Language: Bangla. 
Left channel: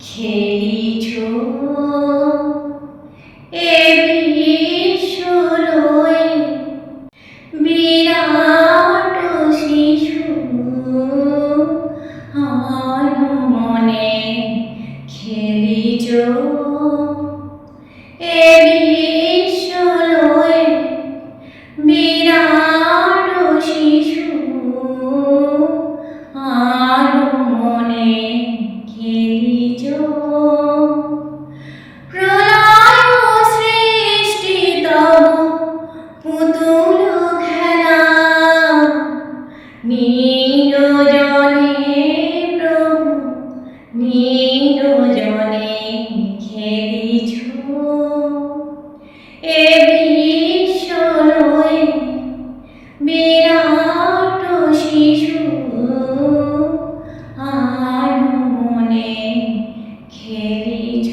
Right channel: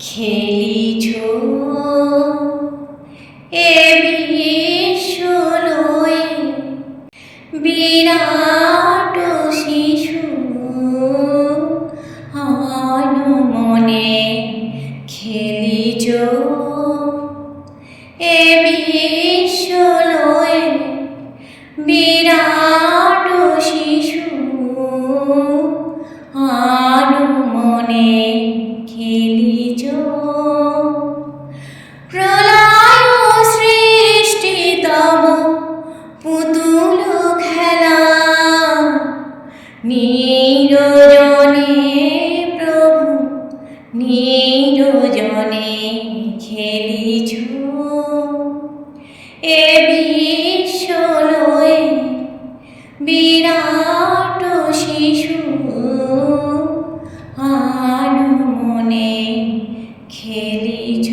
খেলিছ এ বিশ্বলয়ে বিরাট শিশু মনে খেলিছ এ বিশ্বলয়ে বিরাট শিশু মনে খেলিছ প্রলয় সৃষ্টি তব পুতুল খেলা নিরজনে প্রভু নিরজনে খেলিছ এ বিশ্বলয়ে বিরাট শিশু মনে খেলিছ।